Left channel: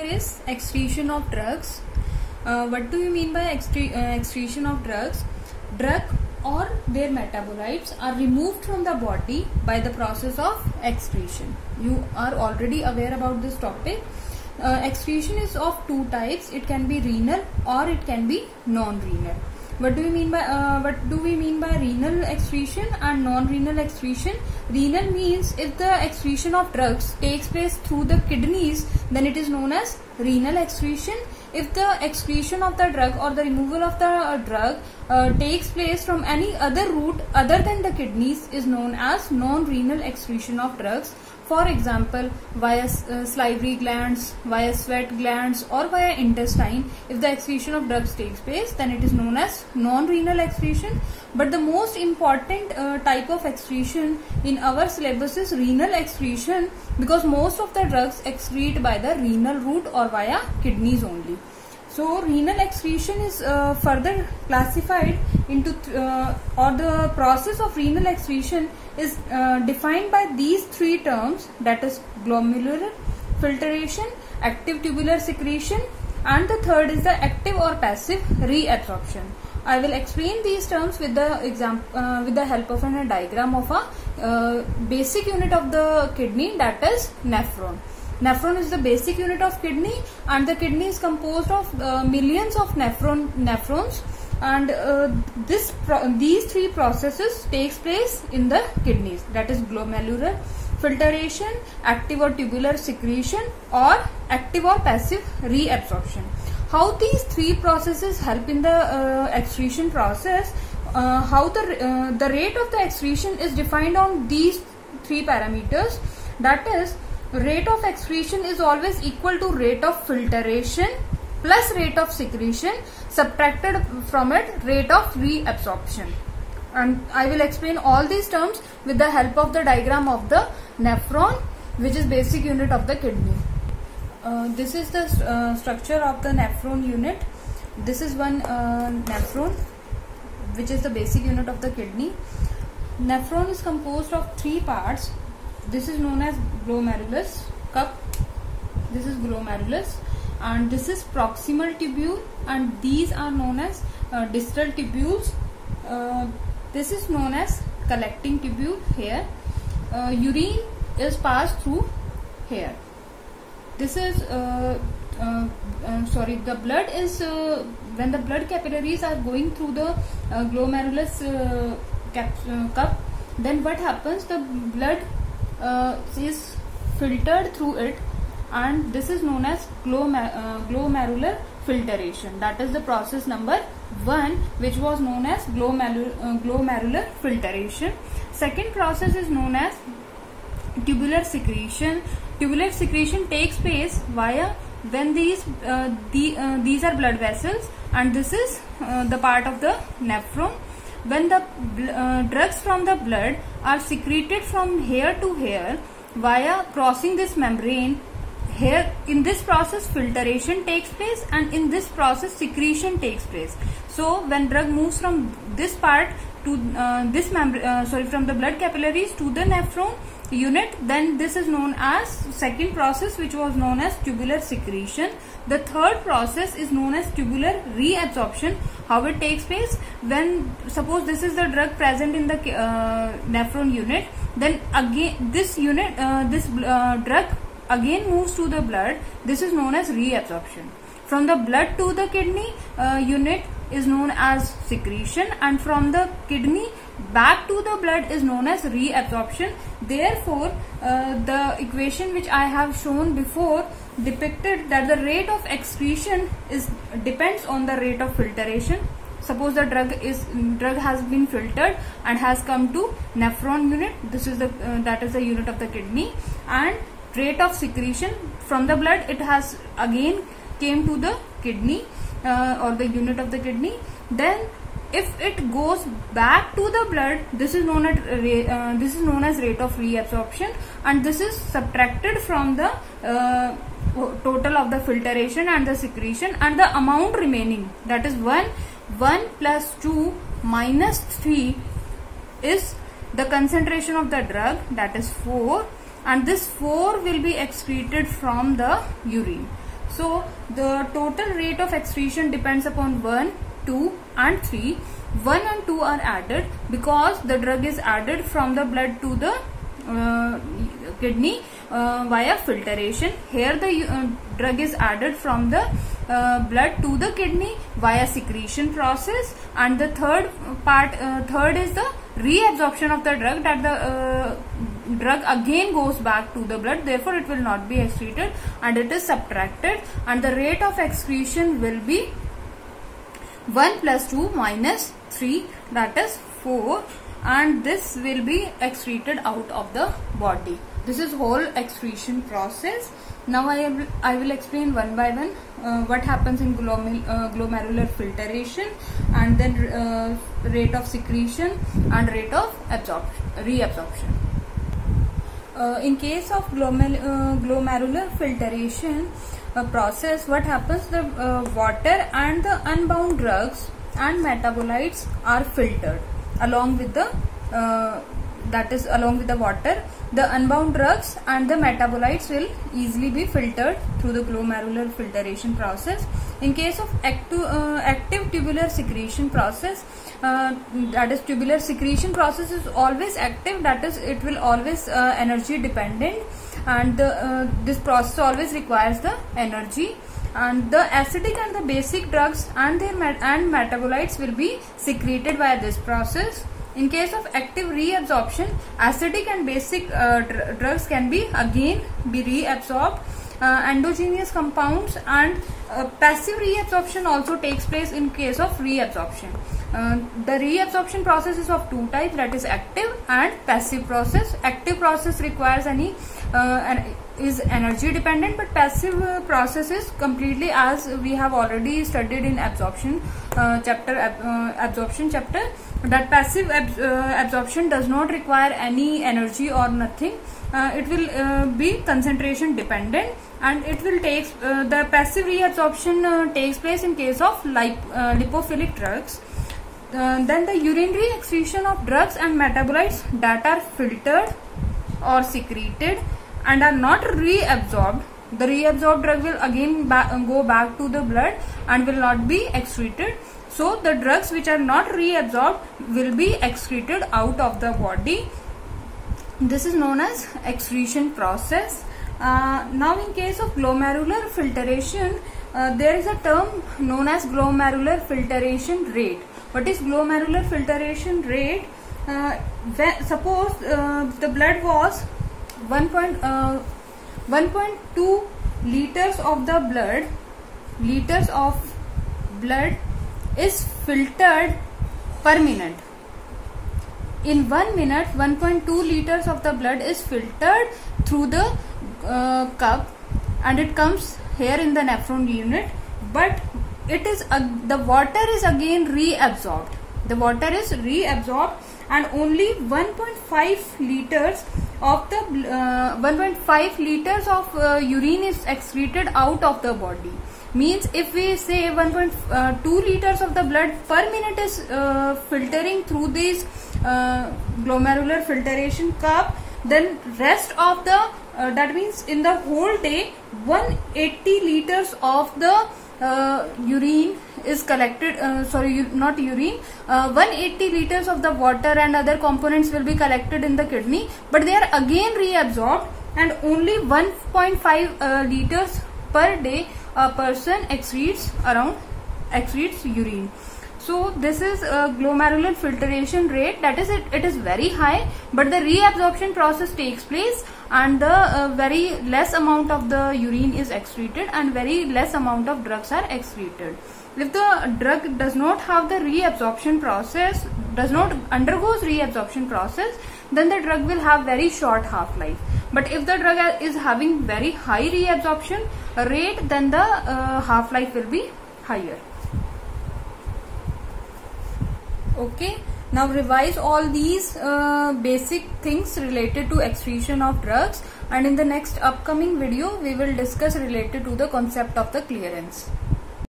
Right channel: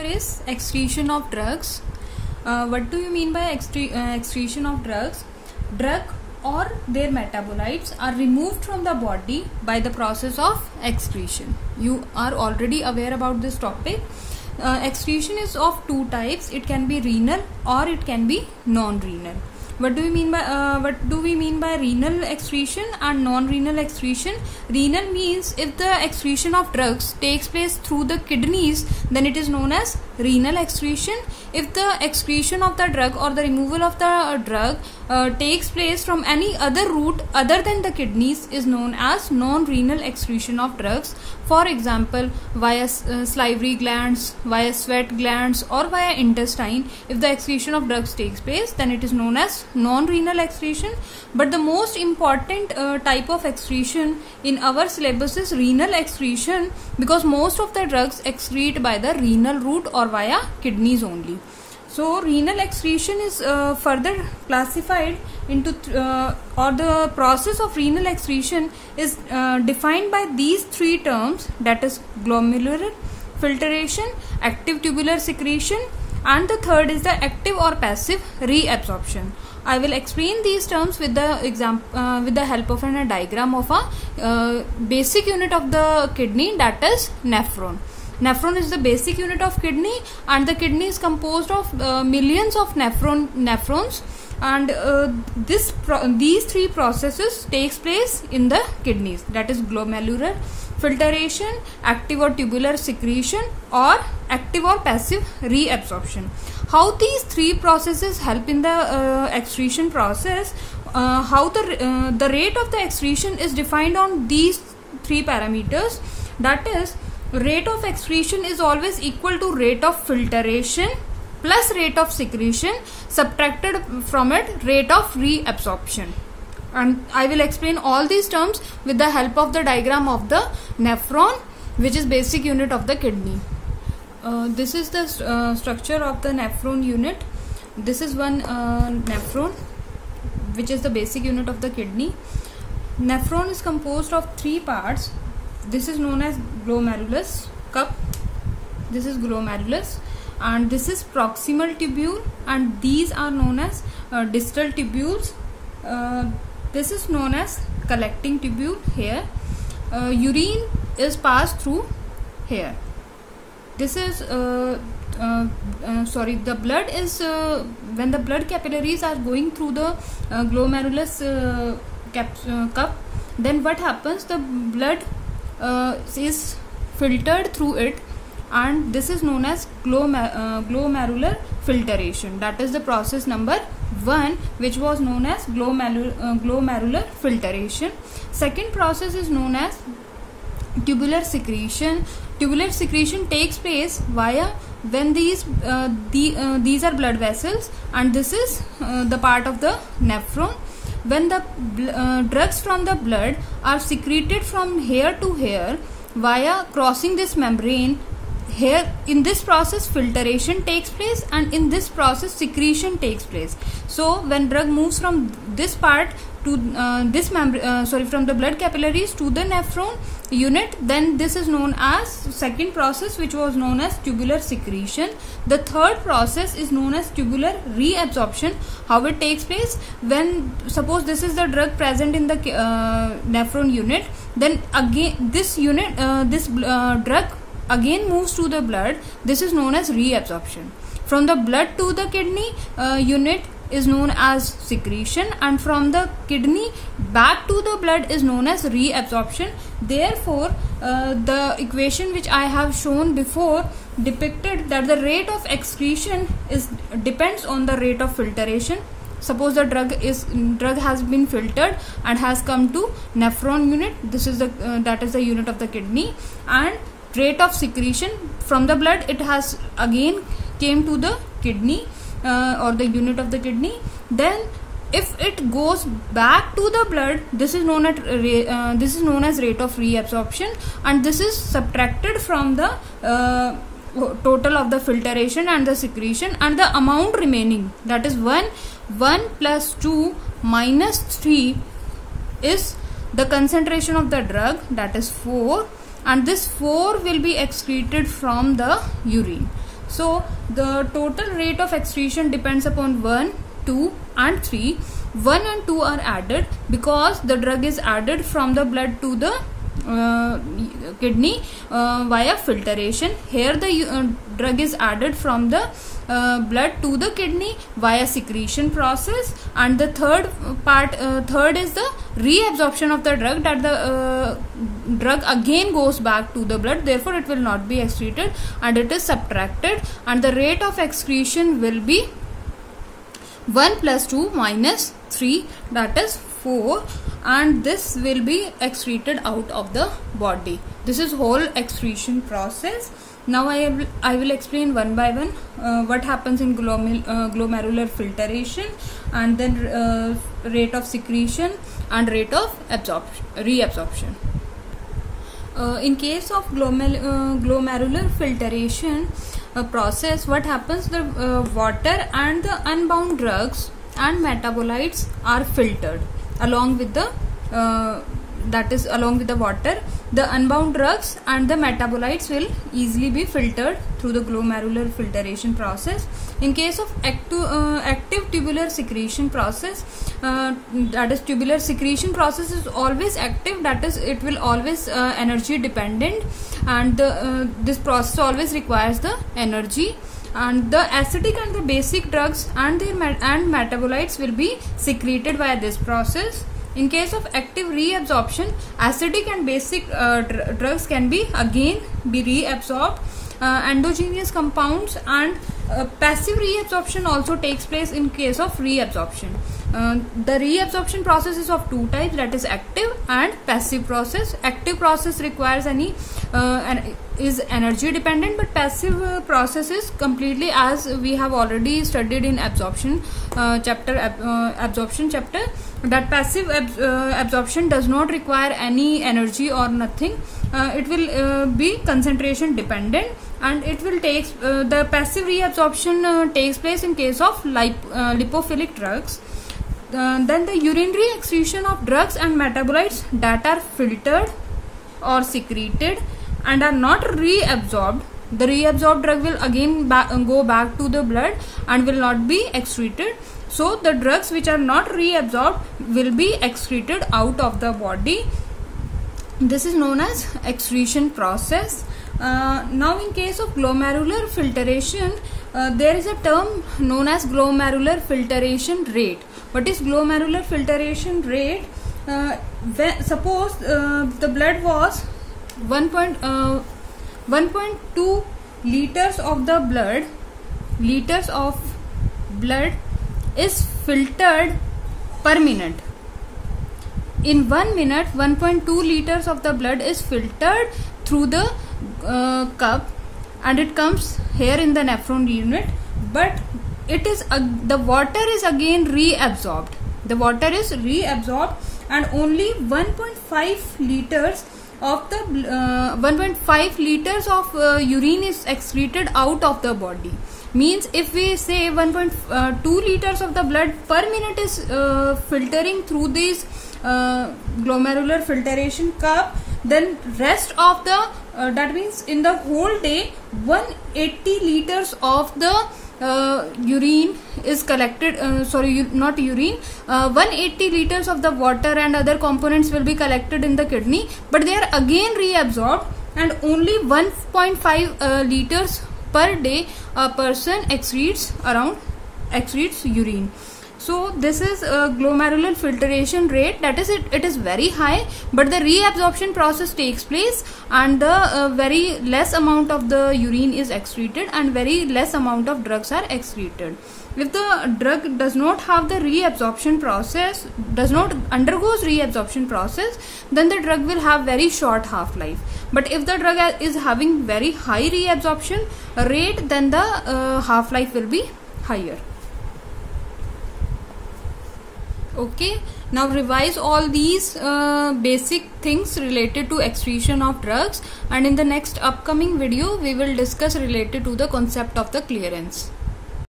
Here is excretion of drugs. What do you mean by excretion of drugs? Drug or their metabolites are removed from the body by the process of excretion. You are already aware about this topic. Excretion is of two types. It can be renal or it can be non-renal. What do we mean by renal excretion and non-renal excretion? Renal means if the excretion of drugs takes place through the kidneys, then it is known as renal excretion. If the excretion of the drug or the removal of the drug takes place from any other route other than the kidneys, is known as non-renal excretion of drugs. For example, via salivary glands, via sweat glands, or via intestine. If the excretion of drugs takes place, then it is known as non-renal excretion. But the most important type of excretion in our syllabus is renal excretion, because most of the drugs excrete by the renal route or via kidneys only. So renal excretion is further classified into or the process of renal excretion is defined by these three terms, that is glomerular filtration, active tubular secretion, and the third is the active or passive reabsorption. I will explain these terms with the help of a diagram of a basic unit of the kidney, that is nephron. Nephron is the basic unit of kidney, and the kidney is composed of millions of nephrons, and these three processes takes place in the kidneys, that is glomerular filtration, active or tubular secretion, or active or passive reabsorption. How these three processes help in the excretion process? How the rate of the excretion is defined on these three parameters, that is, rate of excretion is always equal to rate of filtration plus rate of secretion, subtracted from it rate of reabsorption. And I will explain all these terms with the help of the diagram of the nephron, which is basic unit of the kidney. This is the structure of the nephron unit. This is one nephron, which is the basic unit of the kidney. Nephron is composed of three parts. This is known as glomerulus cup. This is glomerulus, and this is proximal tubule, and these are known as distal tubules. This is known as collecting tubule here. Urine is passed through here. This is the blood is when the blood capillaries are going through the glomerulus cup, then what happens? The blood is filtered through it, and this is known as glomerular filtration. That is the process number 1, which was known as glomerular filtration. Second process is known as tubular secretion. Tubular secretion takes place via when these are blood vessels, and this is the part of the nephron. When the drugs from the blood are secreted from here to here via crossing this membrane, here in this process filtration takes place, and in this process secretion takes place. So when drug moves from this part to from the blood capillaries to the nephron unit, then this is known as second process, which was known as tubular secretion. The third process is known as tubular reabsorption. How it takes place? When suppose this is the drug present in the nephron unit, then again this drug again moves to the blood. This is known as reabsorption. From the blood to the kidney unit is known as secretion, and from the kidney back to the blood is known as reabsorption. Therefore, the equation which I have shown before depicted that the rate of excretion depends on the rate of filtration. Suppose the drug has been filtered and has come to nephron unit. This is that is the unit of the kidney, and rate of secretion from the blood, it has again came to the kidney or the unit of the kidney. Then if it goes back to the blood, this is known as rate of reabsorption, and this is subtracted from the total of the filtration and the secretion, and the amount remaining, that is 1 plus 2 minus 3 is the concentration of the drug, that is 4, and this 4 will be excreted from the urine. So the total rate of excretion depends upon 1, 2 and 3. 1 and 2 are added because the drug is added from the blood to the kidney via filtration. Here the drug is added from the blood to the kidney via secretion process, and the third is the reabsorption of the drug, that the drug again goes back to the blood, therefore it will not be excreted and it is subtracted, and the rate of excretion will be 1 plus 2 minus 3, that is 4, and this will be excreted out of the body. This is whole excretion process. Now I will explain one by one what happens in glomerular filtration, and then rate of secretion and rate of reabsorption. In case of glomerular filtration process, what happens, the water and the unbound drugs and metabolites are filtered along with the along with the water. The unbound drugs and the metabolites will easily be filtered through the glomerular filtration process. In case of active tubular secretion process, that is, tubular secretion process is always active, that is, it will always energy dependent, and this process always requires the energy, and the acidic and the basic drugs and their metabolites will be secreted via this process. In case of active reabsorption, acidic and basic drugs can be again reabsorbed. Endogenous compounds and passive reabsorption also takes place in case of reabsorption. The reabsorption process is of two types, that is active and passive process. Active process requires is energy dependent, but passive process is completely, as we have already studied in absorption chapter, that passive absorption does not require any energy or nothing. It will be concentration dependent, and it will take the passive reabsorption takes place in case of lipophilic drugs. Then the urinary excretion of drugs and metabolites that are filtered or secreted and are not reabsorbed. The reabsorbed drug will again go back to the blood and will not be excreted. So the drugs which are not reabsorbed will be excreted out of the body. This is known as excretion process. Now in case of glomerular filtration, there is a term known as glomerular filtration rate. What is glomerular filtration rate? Suppose the blood was 1.2 liters of the blood is filtered per minute. In 1 minute, 1.2 liters of the blood is filtered through the cup, and it comes here in the nephron unit, but it is the water is again reabsorbed. The water is reabsorbed, and only 1.5 liters of the 1.5 liters of urine is excreted out of the body. Means if we say 1.2 liters of the blood per minute is filtering through this glomerular filtration cup, then rest of the that means in the whole day 180 liters of the urine is collected, 180 liters of the water and other components will be collected in the kidney, but they are again reabsorbed, and only 1.5 liters per day a person excretes urine. So this is glomerular filtration rate, that is it is very high, but the reabsorption process takes place, and the very less amount of the urine is excreted and very less amount of drugs are excreted. If the drug does not have the reabsorption process, does not undergoes reabsorption process, then the drug will have very short half-life. But if the drug is having very high reabsorption rate, then the half-life will be higher. Okay, now revise all these basic things related to excretion of drugs, and in the next upcoming video we will discuss related to the concept of the clearance.